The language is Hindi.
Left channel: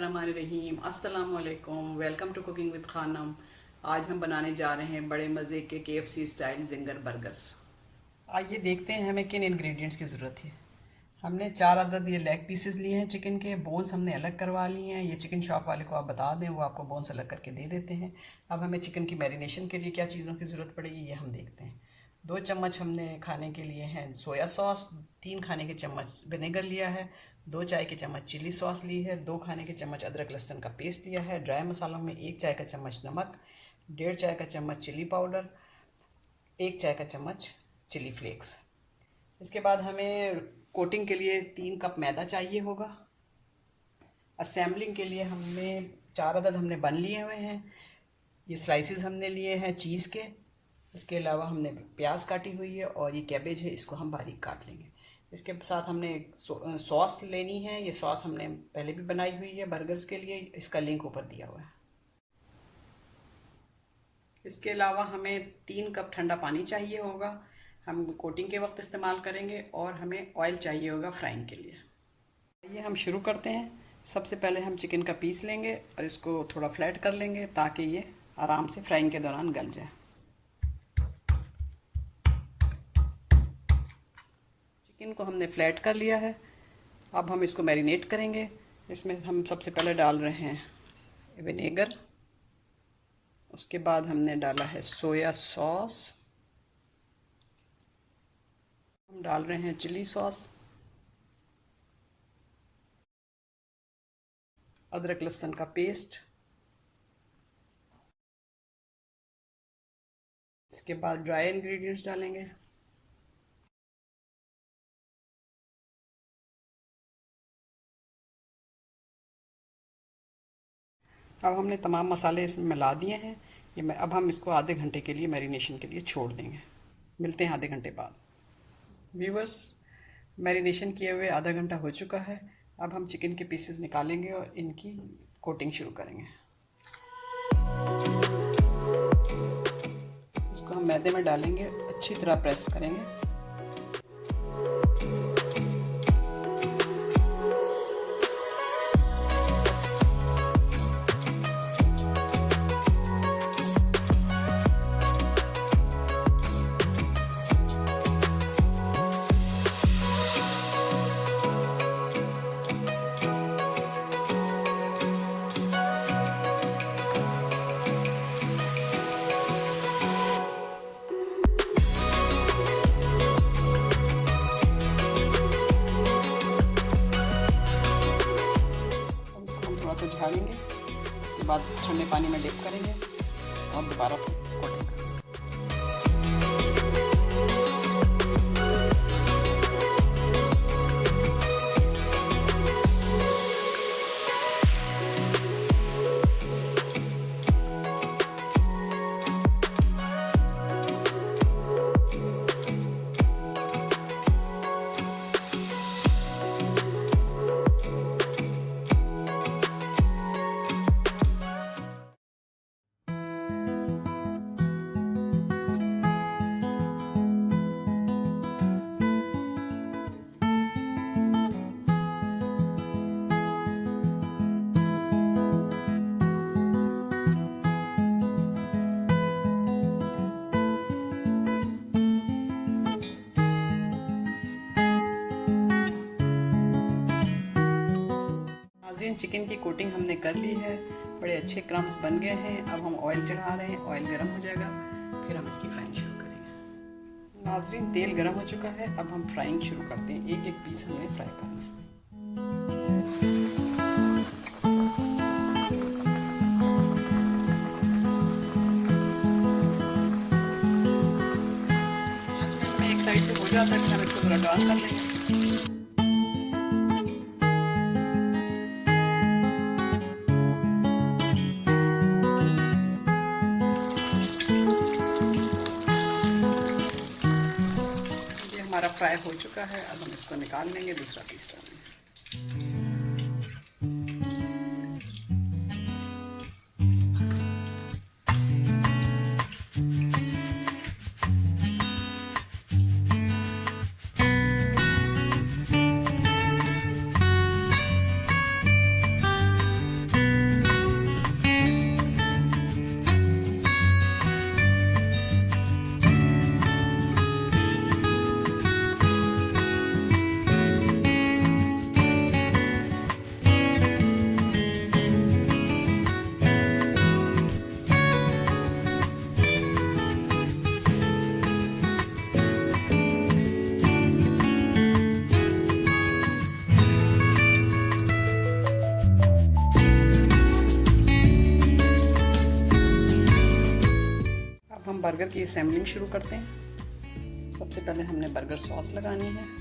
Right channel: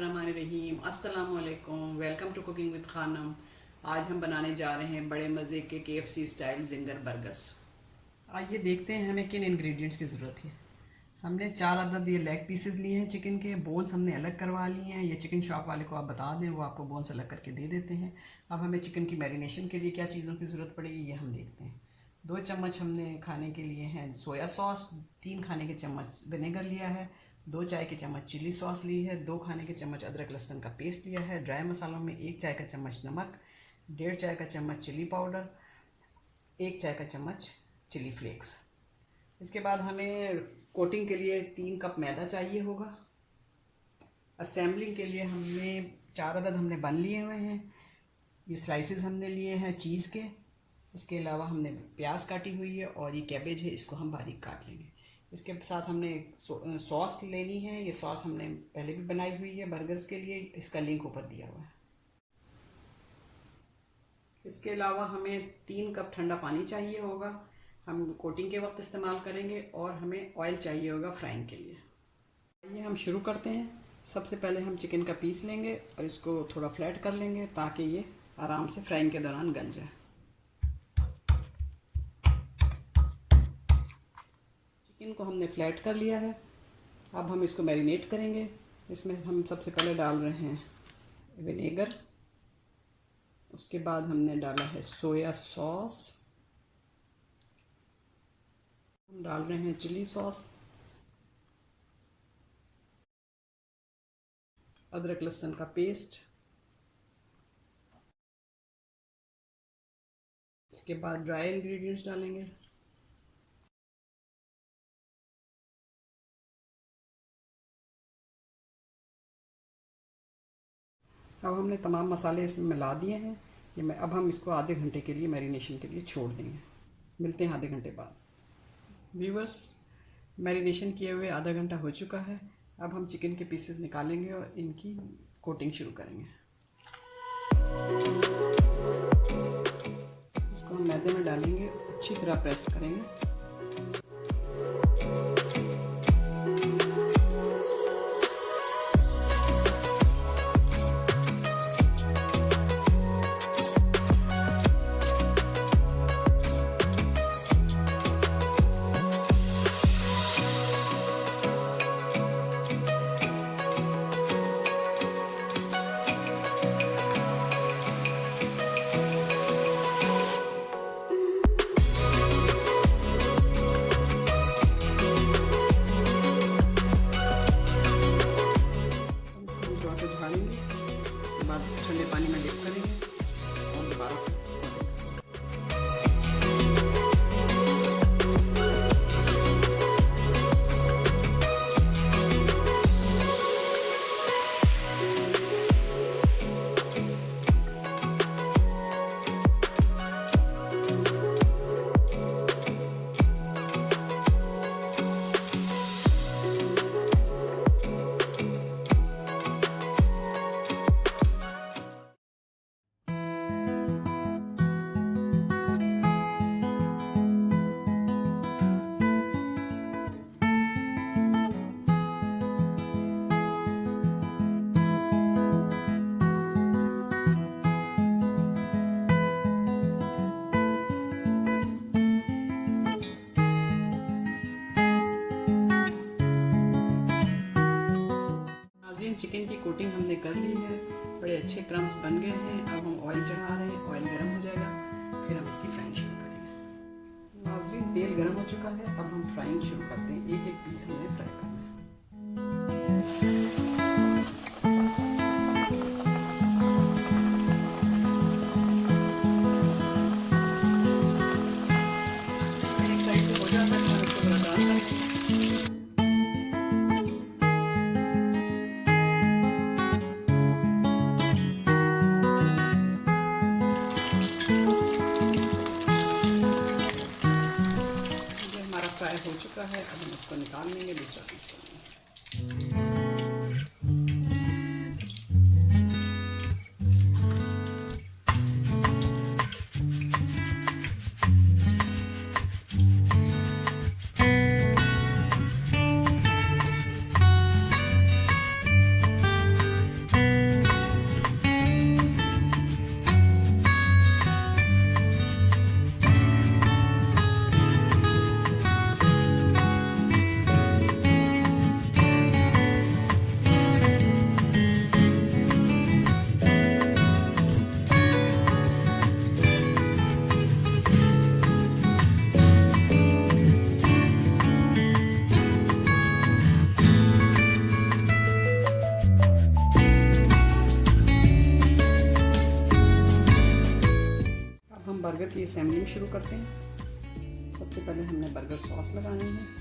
बिस्मिल्लाहिर्रहमानिर्रहीम। अस्सलाम वालेकुम। Welcome to cooking with Khanam. आज हम बनाने जा रहे हैं बड़े मज़े के KFC स्टाइल जिंगर बर्गर्स। आइए देखते हैं हमें किन इंग्रेडिएंट्स की ज़रूरत है। हमने 4 अदद ये लेग पीसेस लिए हैं चिकन के। बोन्स हमने अलग करवा लिए हैं। ये चिकन शॉप वाले को आप बता दें, वो आपको बोन्स अलग करके दे देते हैं। अब हमें चिकन की मैरिनेशन के लिए क्या चीज़ों की ज़रूरत पड़ेगी ये हम देखते हैं। 2 चम्मच हमने खाने के लिए हैं सोया सॉस, 3 खाने के चम्मच विनेगर लिया है, 2 चाय के चम्मच चिली सॉस ली है, 2 खाने के चम्मच अदरक लहसुन का पेस्ट लिया है। ड्राई मसालों में 1 चाय का चम्मच नमक, 1.5 चाय का चम्मच चिली पाउडर, 1 चाय का चम्मच चिली फ्लेक्स। इसके बाद हमें कोटिंग के लिए 3 कप मैदा चाहिए होगा। असेंबलिंग के लिए हमने 4 अदद हमने बन लिए हुए हैं। ये स्लाइसेस हमने लिए हैं चीज़ के। इसके अलावा हमने प्याज काटी हुई है और ये कैबेज है, इसको हम बारीक काट लेंगे। इसके साथ हमने सॉस लेनी है। ये सॉस हमने पहले भी बनाई हुई है बर्गर्स के लिए, इसका लिंक ऊपर दिया हुआ है। इसके अलावा हमें 3 कप ठंडा पानी चाहिए होगा, हम कोटिंग के वक्त इस्तेमाल करेंगे। और हमें ऑयल चाहिए होगा फ्राइंग के लिए। ये हम शुरू करते हैं। सबसे पहले हम चिकन का पीस लेंगे और इसको थोड़ा फ्लैट कर लेंगे ताकि ये आराम से फ्राइंग के दौरान गल जाए। चिकन को हमने फ्लैट कर लिया है। अब हम इसको मैरिनेट करेंगे। इसमें हम सबसे पहले डाल रहे हैं विनेगर, उसके बाद हमने डाला है सोया सॉस, हम डाल रहे हैं चिली सॉस, अदरक लहसुन का पेस्ट, इसके बाद ड्राई इंग्रेडिएंट्स डालेंगे। अब हमने तमाम मसाले इसमें मिला दिए हैं। अब हम इसको आधे घंटे के लिए मैरिनेशन के लिए छोड़ देंगे। मिलते हैं आधे घंटे बाद। व्यूअर्स, मैरिनेशन किए हुए आधा घंटा हो चुका है। अब हम चिकन के पीसेस निकालेंगे और इनकी कोटिंग शुरू करेंगे। इसको हम मैदे में डालेंगे, अच्छी तरह प्रेस करेंगे। झाड़ेंगे, उसके बाद ठंडे पानी में डिप करेंगे और दोबारा नाज़रीन, चिकन की कोटिंग हमने कर ली है। बड़े अच्छे क्रम्स बन गए हैं। अब हम ऑयल चढ़ा रहे हैं, ऑयल गर्म हो जाएगा फिर हम इसकी फ्राइंग शुरू करेंगे। नाज़रीन, तेल गर्म हो चुका है। अब हम फ्राइंग शुरू करते हैं। एक एक पीस हमने फ्राई करना है। एक साइड से हो जाता है तो हम इसको थोड़ा टर्न कर लेंगे। हमारा फ्राई हो चुका है। अब हम इसको निकाल लेंगे, दूसरा पीस डालेंगे। इसकी असेंबलिंग शुरू करते हैं। सबसे पहले हमने बर्गर सॉस लगानी है।